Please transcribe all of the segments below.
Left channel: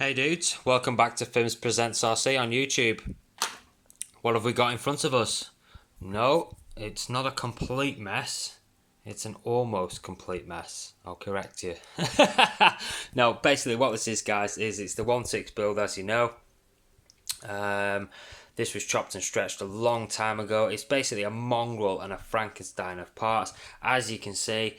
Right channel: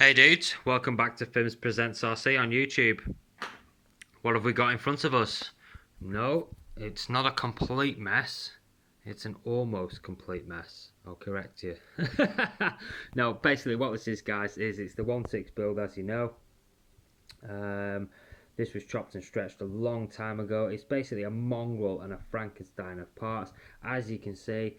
Hey dudes, welcome back to Fims Presents RC on YouTube. What have we got in front of us? No, it's not a complete mess. It's an almost complete mess. I'll correct you. No, basically what this is, guys, is it's the 1.6 build, as you know. This was chopped and stretched a long time ago. It's basically a mongrel and a Frankenstein of parts. As you can see,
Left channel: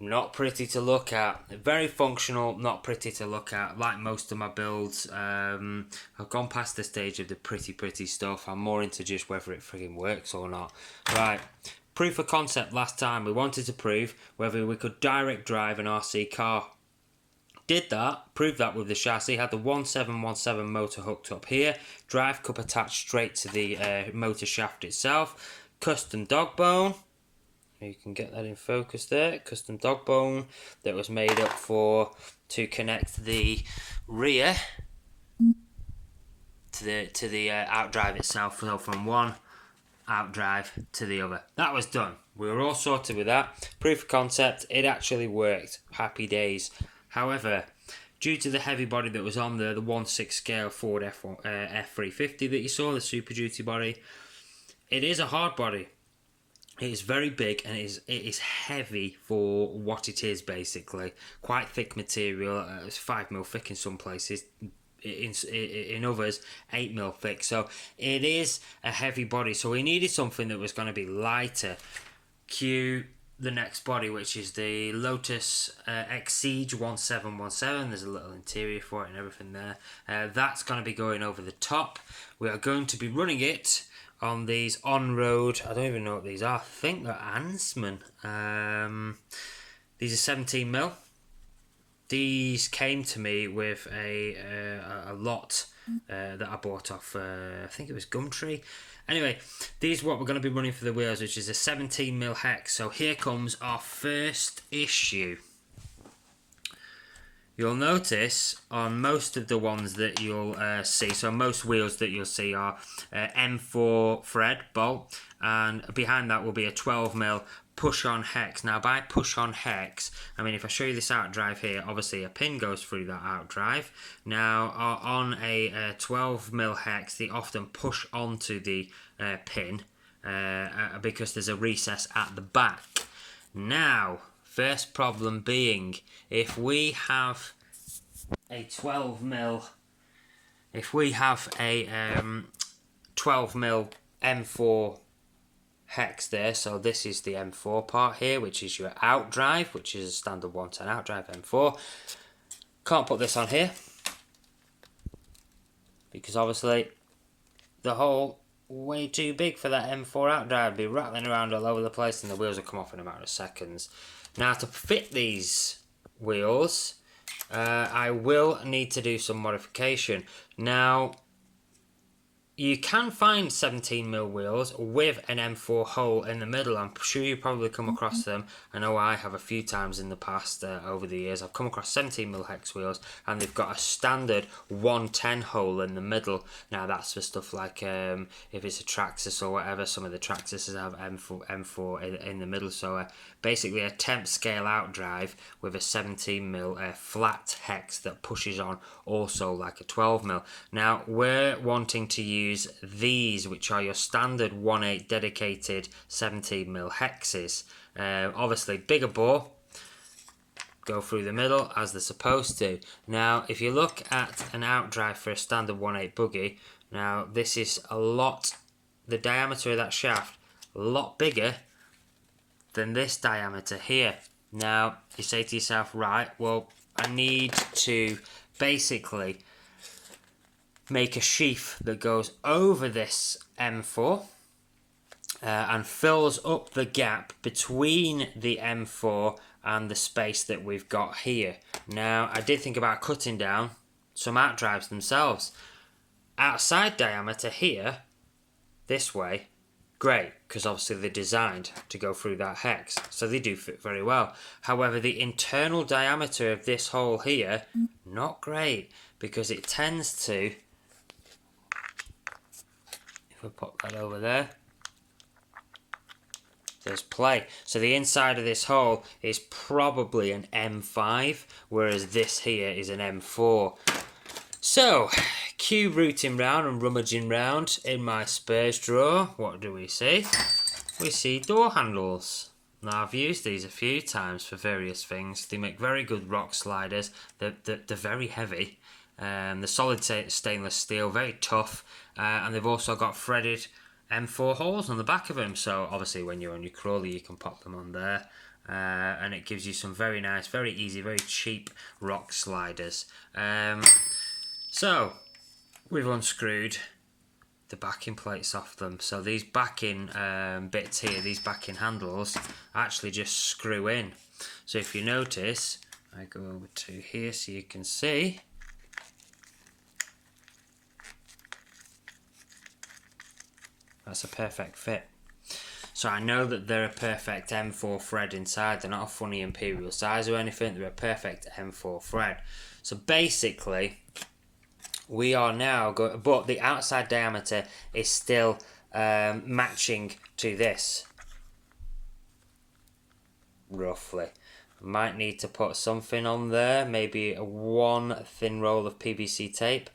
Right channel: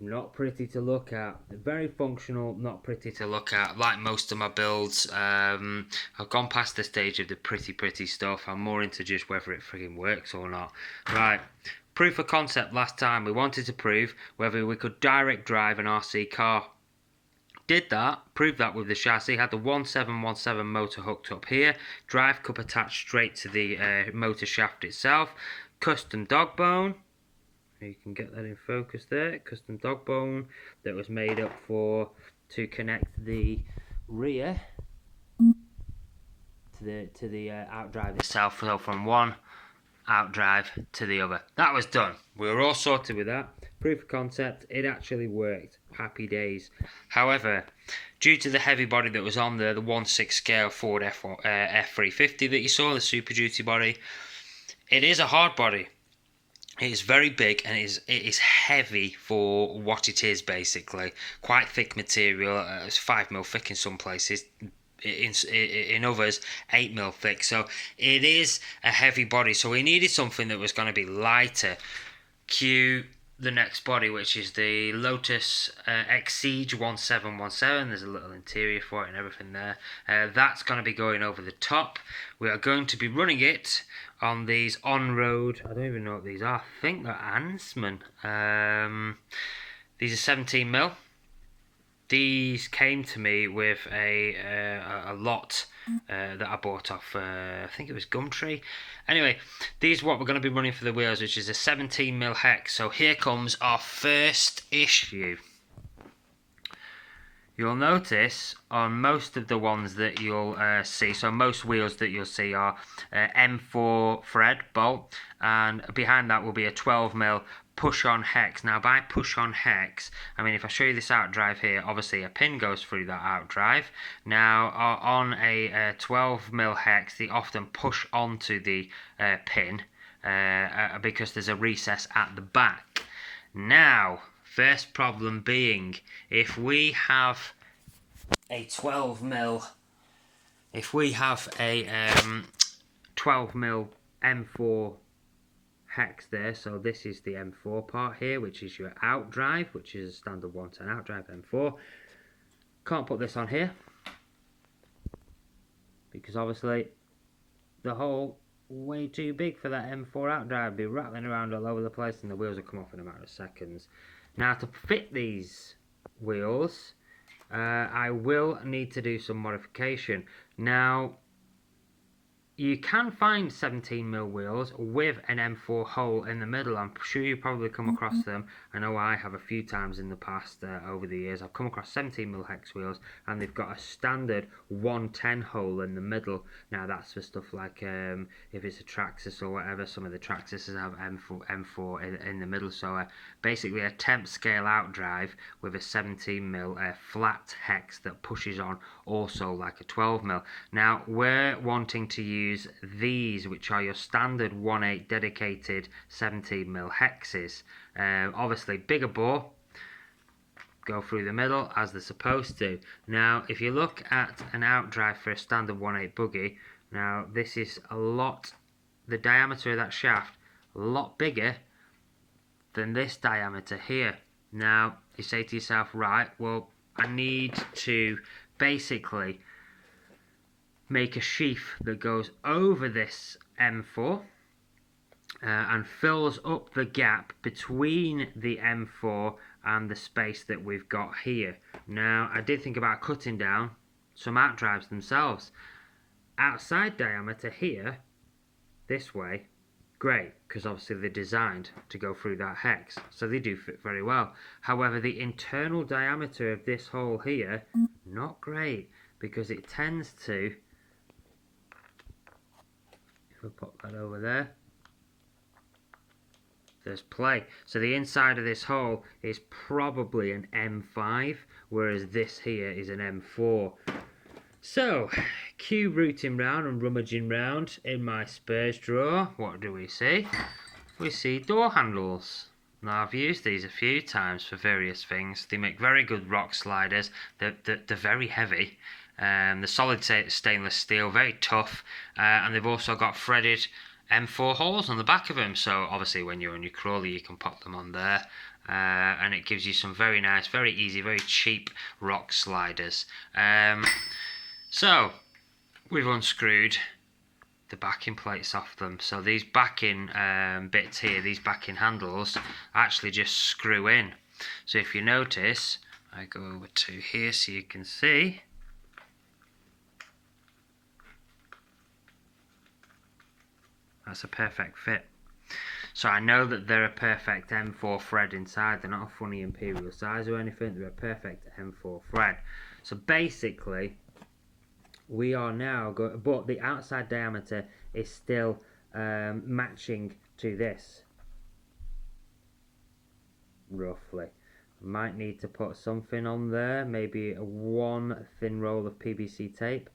not pretty to look at. Very functional, not pretty to look at. Like most of my builds, I've gone past the stage of the pretty stuff. I'm more into just whether it frigging works or not. Right, proof of concept last time. We wanted to prove whether we could direct drive an RC car. Did that, proved that with the chassis. Had the 1717 motor hooked up here. Drive cup attached straight to the motor shaft itself. Custom dog bone. You can get that in focus there. Custom dog bone that was made up to connect the rear to the outdrive itself. So from one outdrive to the other. That was done. We were all sorted with that. Proof of concept. It actually worked. Happy days. However, due to the heavy body that was on there, the 1/6 scale Ford F350 that you saw, the Super Duty body, it is a hard body. It is very big and it is heavy for what it is, basically. Quite thick material. It's 5mm thick in some places. In others, 8mm thick. So it is a heavy body. So we needed something that was going to be lighter. Cue the next body, which is the Lotus Exige 1717. There's a little interior for it and everything there. That's going to be going over the top. We are going to be running it on these on-road, I don't even know what these are. I think they're Ansman. These are 17mm. These came to me with a lot that I bought off, I think it was Gumtree. Anyway, these are what we're going to be running for the wheels, which is a 17mm hex. So here comes our first issue. You'll notice on most of the ones that you'll see, so most wheels that you'll see are M4 thread bolt, and behind that will be a 12mm push-on hex. Now, by push-on hex, I mean, if I show you this outdrive here, obviously a pin goes through that outdrive. Now, on a 12mm hex, they often push onto the pin because there's a recess at the back. Now, first problem being, if we have a 12mm, if we have a 12mm M4 hex there, so this is the M4 part here, which is your outdrive, which is a standard 110 outdrive M4. Can't put this on here because obviously the hole way too big for that M4 outdrive. Be rattling around all over the place and the wheels will come off in a matter of seconds. Now, to fit these wheels, I will need to do some modification. Now, you can find 17mm wheels with an M4 hole in the middle. I'm sure you probably come across them. I know I have a few times in the past over the years. I've come across 17mm hex wheels and they've got a standard 110 hole in the middle. Now that's for stuff like if it's a Traxxas or whatever. Some of the Traxxas have M4 in the middle. So basically a temp scale outdrive with a 17mm flat hex that pushes on also like a 12mm. Now we're wanting to use these, which are your standard 1/8 dedicated 17mm hexes. Obviously bigger bore, go through the middle as they're supposed to. Now if you look at an outdrive for a standard 1/8 buggy, now this is a lot, the diameter of that shaft a lot bigger than this diameter here. Now you say to yourself, right, well I need to basically make a sheath that goes over this M4 and fills up the gap between the M4 and the space that we've got here. Now I did think about cutting down some outdrives themselves. Outside diameter here, this way, great, because obviously they're designed to go through that hex, so they do fit very well. However, the internal diameter of this hole here, not great, because it tends to, if we put that over there, there's play. So the inside of this hole is probably an M5, whereas this here is an M4. So, cube rooting round and rummaging round in my spares drawer, what do we see? We see door handles. Now, I've used these a few times for various things. They make very good rock sliders. They're very heavy. The solid stainless steel, very tough. And they've also got threaded M4 holes on the back of them. So, obviously, when you're on your crawler, you can pop them on there. And it gives you some very nice, very easy, very cheap rock sliders. So, we've unscrewed the backing plates off them. So these backing bits here, these backing handles, actually just screw in. So if you notice, I go over to here so you can see. That's a perfect fit. So I know that they're a perfect M4 thread inside. They're not a funny imperial size or anything. They're a perfect M4 thread. So basically, we are now going, but the outside diameter is still matching to this, roughly. Might need to put something on there, maybe one thin roll of PVC tape.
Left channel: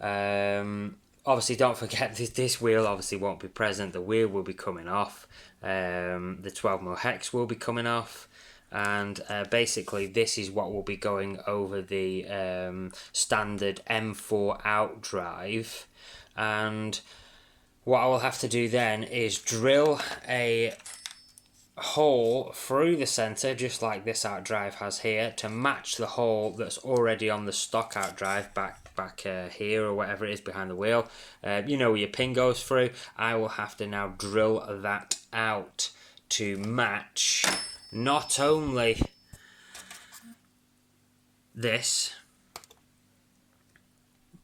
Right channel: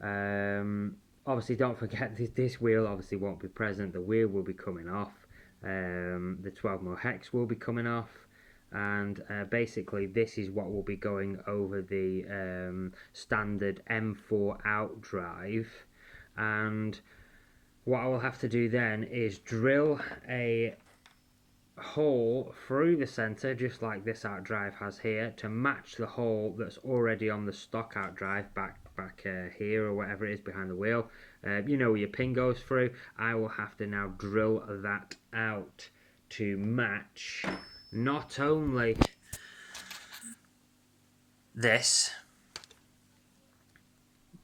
Obviously, don't forget this wheel obviously won't be present. The wheel will be coming off. The 12mm hex will be coming off. And basically this is what will be going over the standard M4 out drive, and what I will have to do then is drill a hole through the center, just like this out drive has here, to match the hole that's already on the stock out drive back here, or whatever it is behind the wheel. You know where your pin goes through. I will have to now drill that out to match not only this,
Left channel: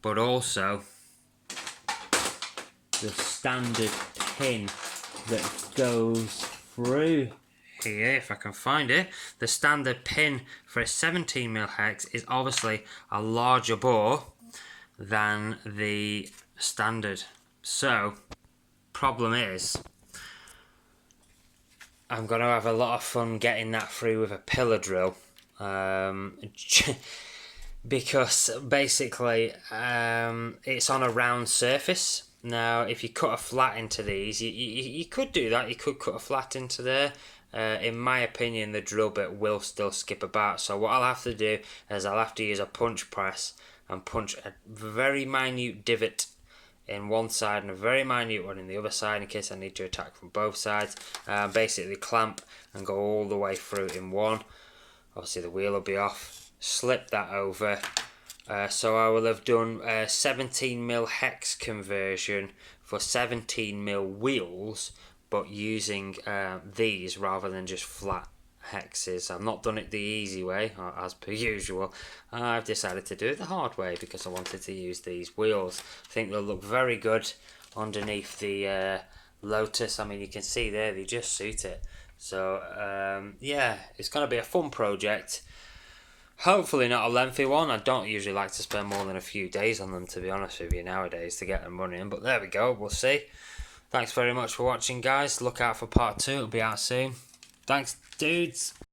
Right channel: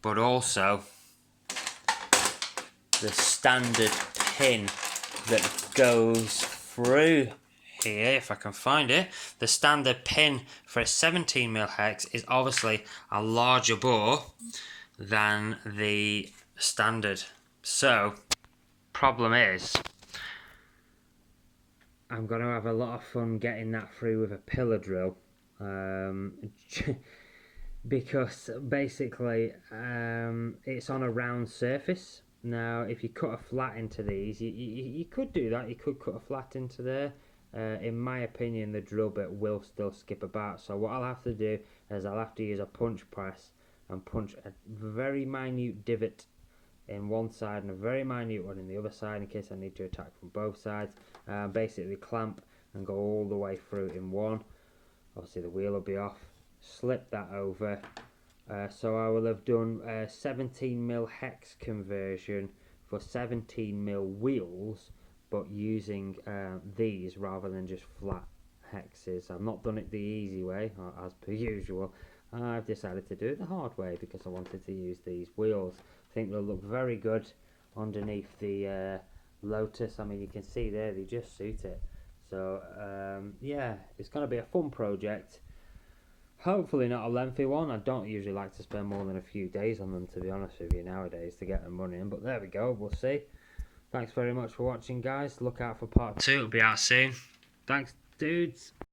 but also the standard pin that goes through here, if I can find it. The standard pin for a 17mm hex is obviously a larger bore than the standard. So, problem is, I'm going to have a lot of fun getting that through with a pillar drill, because basically it's on a round surface. Now, if you cut a flat into these, you could do that. You could cut a flat into there. In my opinion, the drill bit will still skip about. So what I'll have to do is I'll have to use a punch press and punch a very minute divot in one side and a very minute one in the other side in case I need to attack from both sides. Basically clamp and go all the way through in one. Obviously the wheel will be off. Slip that over. So I will have done a 17mm hex conversion for 17mm wheels, but using these rather than just flat hexes. I've not done it the easy way, as per usual. I've decided to do it the hard way because I wanted to use these wheels. I think they'll look very good underneath the Lotus. I mean, you can see there, they just suit it. So yeah, it's going to be a fun project. Hopefully not a lengthy one. I don't usually like to spend more than a few days on them, to be honest with you, nowadays, to get them running. But there we go, we'll see. Thanks very much for watching, guys. Look out for part 2. It'll be out soon. Thanks, dudes.